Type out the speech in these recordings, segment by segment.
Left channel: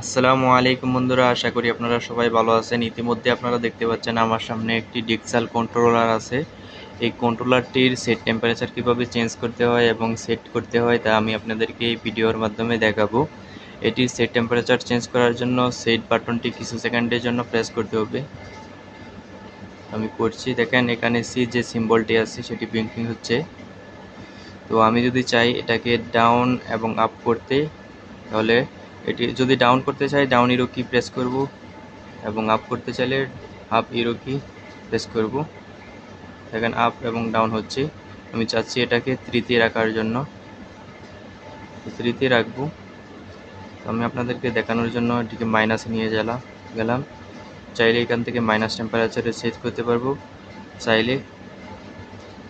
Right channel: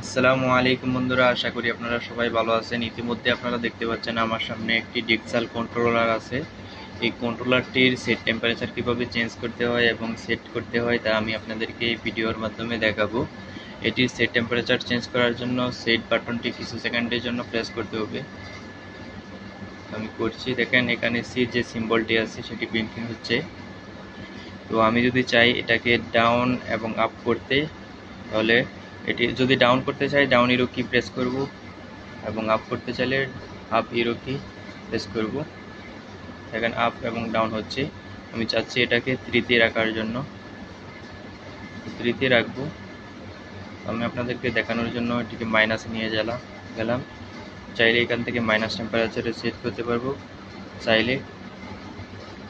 আসসালামু আলাইকুম বন্ধুরা, আশা করি আপনারা সবাই ভালো আছেন। ইতিমধ্যে আপনারা দেখতে পাচ্ছেন আমার সামনে একটি ডিক্সাল কন্ট্রোলার আছে। এই কন্ট্রোলারটির সেট টেম্পারেচার কিভাবে চেঞ্জ করতে হয় এবং সেট করতে হয় তা আমি আপনাদেরকে এই ভিডিওর মাধ্যমে দেখাবো। এটির সেট টেম্পারেচার চেঞ্জ করার জন্য সেট বাটনটি কিছু সেকেন্ডের জন্য প্রেস করতে হবে। আমি করছি, দেখেন এখানে সি যে সিম্বলটি আছে সেটি ব্লিঙ্কিং হচ্ছে। তো আমি যদি চাই এটাকে ডাউন এবং আপ করতে, তাহলে এটি যদি ডাউন করতে চাই ডাউন ইরো কি প্রেস করব, এবং আপ করতে চাইলে আপ ইরো কি প্রেস করব। দেখেন আপ এবং ডাউন হচ্ছে। আমি চাচ্ছি এটাকে তৃতীয় রাখার জন্য, তৃতীয় রাখবো। আমি আপনাদেরকে দেখানোর জন্য এটিকে মাইনাসে নিয়ে গেলাম। চাইলে এখান থেকে মাইনাস টেম্পারেচারে সেট করতে পারবো, চাইলে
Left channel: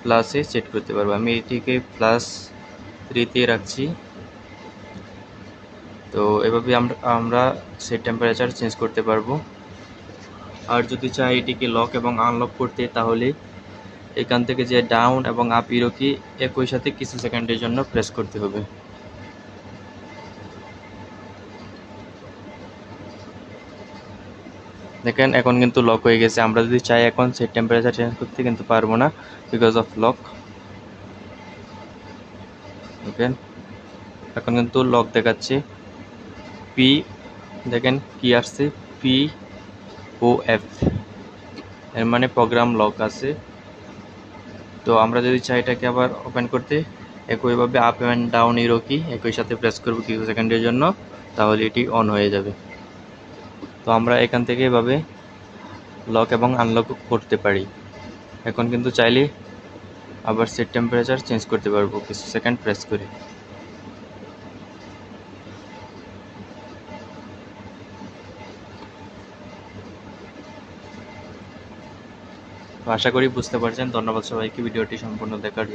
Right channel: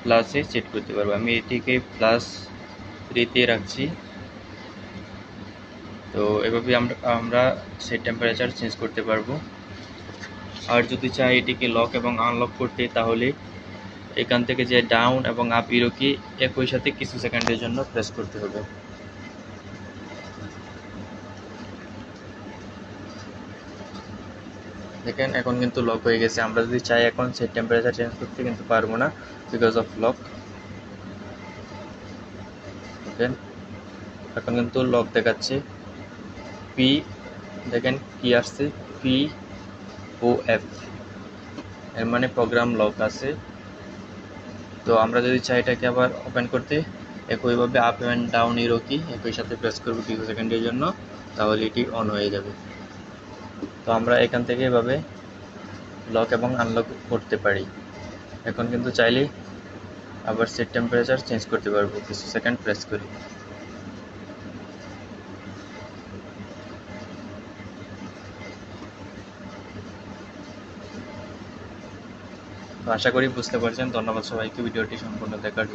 প্লাসে সেট করতে পারবো। আমি এটিকে প্লাস তৃতীয় রাখছি। তো এভাবে আমরা সেট টেম্পারেচার চেঞ্জ করতে পারবো। আর যদি চাই এটিকে লক এবং আনলক করতে, তাহলে এখান থেকে যে ডাউন এবং আপ ইরো কি একই সাথে কিছু সেকেন্ডের জন্য প্রেস করতে হবে। দেখেন এখন কিন্তু লক হয়ে গেছে। আমরা যদি চাই এখন সেট টেম্পারেচার চেঞ্জ করতে কিন্তু পারবো না, বিকজ অফ লক। দেখেন এখন কিন্তু লক দেখাচ্ছে। পি, দেখেন কি আসছে, POF, এর মানে প্রোগ্রাম লক আছে। তো আমরা যদি চাই এটাকে আবার ওপেন করতে, একইভাবে আপ অ্যান্ড ডাউন ইরো কি একই সাথে প্রেস করব কিছু সেকেন্ডের জন্য, তাহলে এটি অন হয়ে যাবে। তো আমরা এখান থেকে এভাবে লক এবং আনলক করতে পারি। এখন কিন্তু চাইলে আবার সেট টেম্পারেচার চেঞ্জ করতে পারবো কিছু সেকেন্ড প্রেস করে। তো আশা করি বুঝতে পারছেন। ধন্যবাদ সবাইকে ভিডিওটি সম্পূর্ণ দেখার জন্য।